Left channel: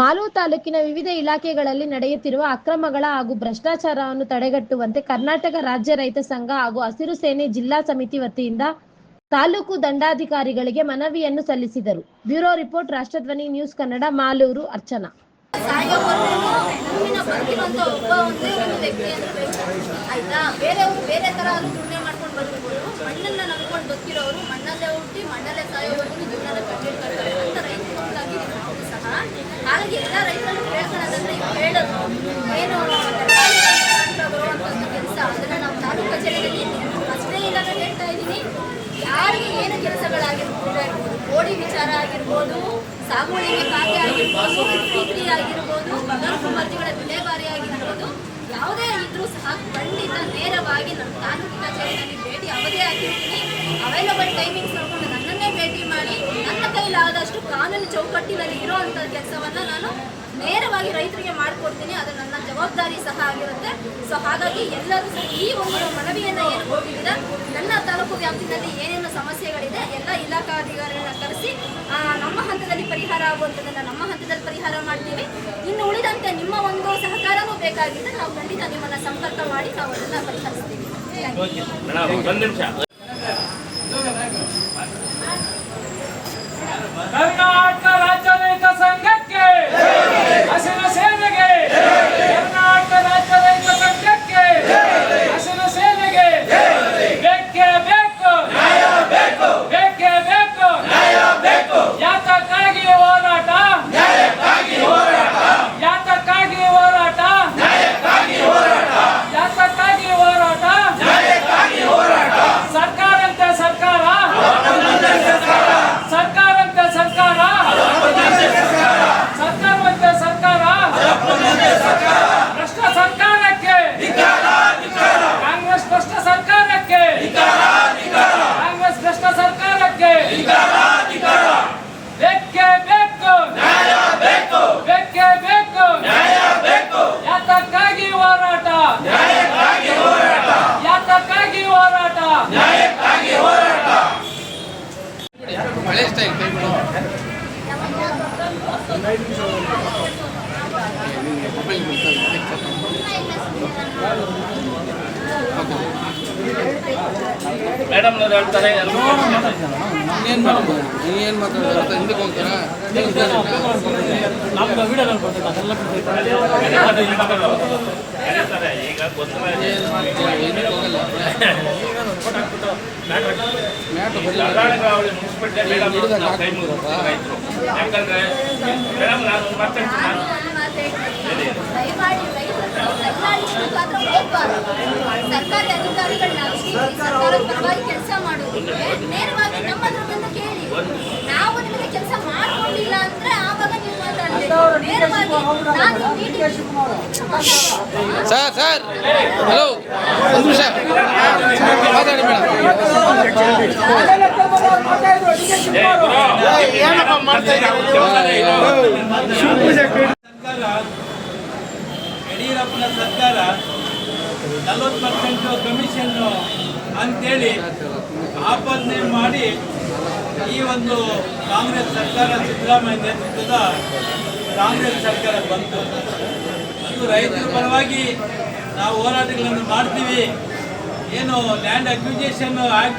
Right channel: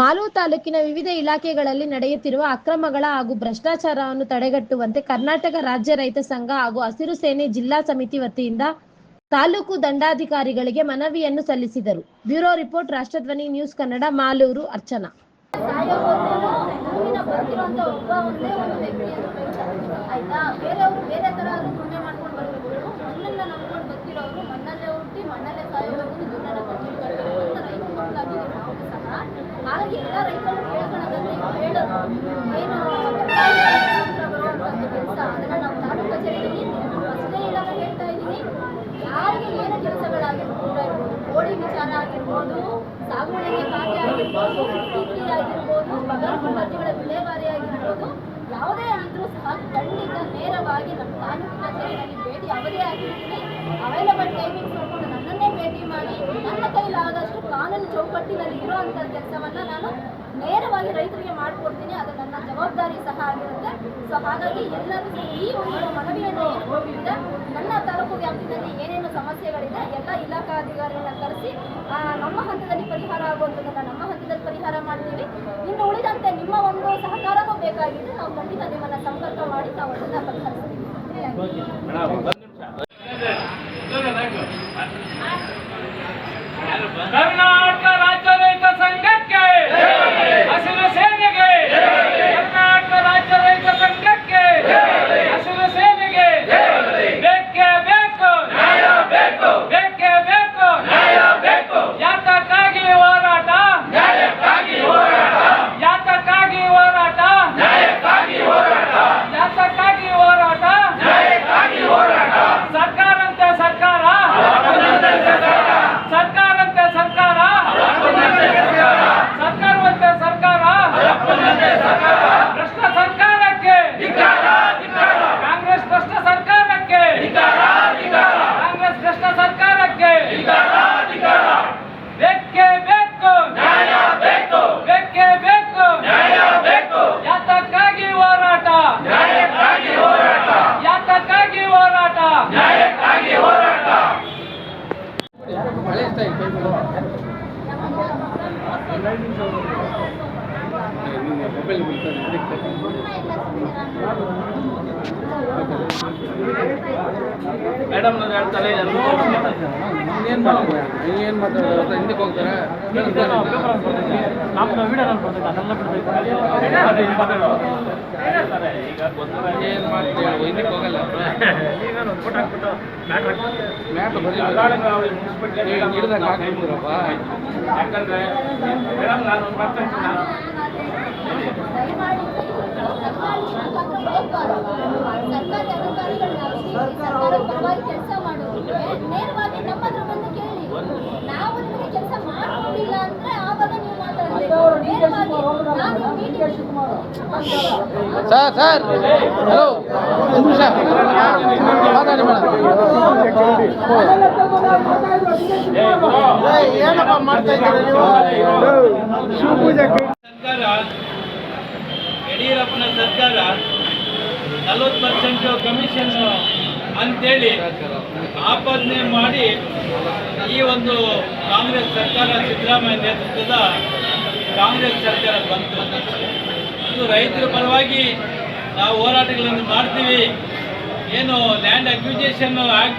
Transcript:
ಮಾಲೂರು ತಾಲೂಕಿನ ವಿವಿಧ ಇಲಾಖೆಗಳಲ್ಲಿ ನಡೆಯುತ್ತಿರುವ ಅಕ್ರಮಗಳ ಹಾಗೂ ಭ್ರಷ್ಟಾಚಾರವನ್ನು ತಡೆಗಟ್ಟುವಂತೆ ಕರ್ನಾಟಕ ರಾಜ್ಯ ರೈತ ಸಂಘ ಹಾಗೂ ಹಸಿರು ಸೇನೆ ಜಿಲ್ಲಾ ಸಮಿತಿ ವತಿಯಿಂದ ತಾಲೂಕು ದಂಡಾಧಿಕಾರಿಗಳಿಗೆ ಮನವಿಯನ್ನು ಸಲ್ಲಿಸಿದರು. Bureau report, ರಾಷ್ಟ್ರಧ್ವನಿ news Kannada, Malur. Archana. ಹಾಗಾಗಿ ಎಲ್ಲ ರೈತರು ಕೇಳ್ಕೊಳ್ಳೋದಂದ್ರೆ ಹೇಳೋದು ಏನು ಬರುವಂಥ ಕೆಲಸ ಅದನ್ನು ನಾವು ತಾಲೂಕು ಕಚೇರಿಯಲ್ಲಿ ಅಷ್ಟೇ ಇಲ್ಲ ನಾನು ಹೇಳ್ತಾ ಇದ್ದೀನಿ. ಯಾರಿಗೆ ಏನು ಕೆಲಸಗಳಾಗಿರ್ಬೋದು, ಕೋಡಿ ವಿಚಾರ ಆಗಿರ್ಬೋದು, ಸಾಗುವಳಿಗೆ ಖಾತೆ ಆಗಿರ್ಬೋದು, ಪ್ರೀತಿ ಆಗಿರ್ಬೋದು, ಬಗರ್ಭ ಮರ್ಜಿಗಳ ವಿಲೇವಾರಿ ಆಗಿರ್ಬೋದು, ಯಾವುದೇ ಇದ್ರೂ ಸಹ ಖಂಡಿತ ನೇರವಾಗಿ ನಮ್ಮ ತಾಲೂಕು ಕಚೇರಿಯಲ್ಲಿ ಭೇಟಿ ಅವಧಿ ಆಗಿರ್ತೀನಿ. ಅವೈಲಬಲ್ ಟೈಮಿಂಗ್ಸ್ ನೋಡಿಕೊಂಡು ನನ್ನನ್ನೇ ಭೇಟಿ ಮಾಡಿ ನನ್ನ ಕೈಲಾದಷ್ಟು ಕಾನೂನು ಚೌಕಟ್ಟಿನಲ್ಲಿ ಇರೋವಂಥ ಕೆಲಸವನ್ನು ನಾನು ನೇರವಾಗಿ ರೈತರಿಗೆ ಮಾಡಿಕೊಡ್ತೀನಿ. ಅದು ನನ್ನ ಜವಾಬ್ದಾರಿ ಸಹ ಆಗಿರುತ್ತೆ. ಸೊ ಹಾಗಾಗಿ ಎಲ್ಲರೂ ಈ ಒಂದು ಮನವಿಯನ್ನು ಏನು ಹೋಗಿದ್ದೀರ, ನನ್ನ ತಾಲೂಕು ವ್ಯಾಪ್ತಿಯಲ್ಲಿ ಏನೇನು ಸಮಸ್ಯೆಗಳಿದೆ ಎಲ್ಲ ಇಲಾಖಾಧಿಕಾರಿಗಳನ್ನ ಕರೆಸಿ ನಮ್ಮ ಹಂತದಲ್ಲಿ ಪರಿಹಾರ ಆಗುವಂಥದ್ದನ್ನು ನಮ್ಮ ಹಂತದಲ್ಲಿ ಪರಿಹಾರ ಮಾಡ್ತೀವಿ. ಇನ್ನು ಉಳಿದಂತೆ ನಿಮ್ಮ ಒಂದು ಸಹಕಾರವೂ ಬೇಕಾಗಿದೆ. ನಾವು ಖಂಡಿತ ನಿಮ್ಮನ್ನು ಸಂಪರ್ಕ ಮಾಡಿ ನಾವು ಅದನ್ನು ಪರಿಹರಿಸ್ತೀವಿ. ಕರ್ನಾಟಕ ರಾಜ್ಯ ರೈತ ಸಂಘಕ್ಕೆ, ಹಸಿರು ಸೇನೆಗೆ, ಕರ್ನಾಟಕ ರಾಜ್ಯ ರೈತ ಸಂಘಕ್ಕೆ, ಹಸಿರು ಸೇನೆಗೆ ಬೇಕೇ ಬೇಕು, ಬೇಕೇ ಬೇಕು, ಯಾತಕ್ಕಾಗಿ ಹೋರಾಟ, ಯಾತಕ್ಕಾಗಿ ಹೋರಾಟ, ಯಾತಕ್ಕಾಗಿ ಹೋರಾಟ, ಸರ್ಕಾರಂತೆ ಸರ್ಕಾರ, ಸರ್ಕಾರಂತೆ ಸರ್ಕಾರ, ಸರ್ಕಾರವಂತೆ ಸರ್ಕಾರ, ಭ್ರಷ್ಟ ಸರ್ಕಾರಕ್ಕೆ, ಕಾಂಗ್ರೆಸ್ ಭ್ರಷ್ಟ ಸರ್ಕಾರಕ್ಕೆ, ಕಾಂಗ್ರೆಸ್ ಭ್ರಷ್ಟ ಸರ್ಕಾರಕ್ಕೆ ಬೇಕೇ ಬೇಕು, ಬೇಕೇ ಬೇಕು, ಯಾತಕ್ಕಾಗಿ ಹೋರಾಟ, ಯಾತಕ್ಕಾಗಿ ಹೋರಾಟ. ಮೇಡಮ್ ಹೇಳ್ತಾರೆ ಏನು ಮಾತಾಡೋದು ಹಿಂದಕ್ಕೆ ಹೋಗ್ತಾರಾ? ನಮ್ಮ ವಿಡಿಯೋ ನೋಡ್ಕೊಳ್ತೀನಿ ಅದೆಲ್ಲ ಹಿಂದಕ್ಕೆ ಹೋಗಲ್ಲ. ಯಾಕಂದ್ರೆ ಮೇಡಮ್ ನಾನು ದಯಮಾಡಿ ಸರ್ಕಾರಿ ಅಧಿಕಾರಿಗಳನ್ನ ಸರ್ಕಾರದ ಪರವಾಗಿ ಕೆಲಸ ಮಾಡೋದಕ್ಕೆ ನೇರವಾಗಿ ನಮ್ಮತ್ರ ಬಂದು ಕೇಳಿ. ನಾವು ನಿಮಗೆ ಕೆಲಸ ಮಾಡ್ಕೊಂಡಿಲ್ಲ ಅಂದ್ರೆ ಆವಾಗ ನೀವು ಮಾತಾಡಬೇಕು. ನೇರವಾಗಿ ಸರ್ ಹಲೋ, ಒಂದು ನಿಮಿಷ ಮಾತಾಡಿ ಮೇಡಮ್. ಯಡಿಯೂರಪ್ಪನ ಸರ್ಕಾರ 40% ಕಮಿಷನ್ ಅಂತೇಳಿ ಆಪಾದನೆ ಮಾಡಿ ಈ ಒಂದು ಕಾಂಗ್ರೆಸ್ ಸರ್ಕಾರ, ಸಿದ್ದರಾಮಯ್ಯ ನೇತೃತ್ವದ ಕಾಂಗ್ರೆಸ್ ಸರ್ಕಾರ ಬಂತು. ಅದು ರೈತರ ಪರವಾಗಿ ನಾವು ಹೋರಾಟಗಳನ್ನು ಮಾಡ್ತೀವಿ. ಏನು ಲ್ಯಾಂಡ್ ಅಕ್ವಿಜೇಷನ್ ಆ್ಯಕ್ಟ್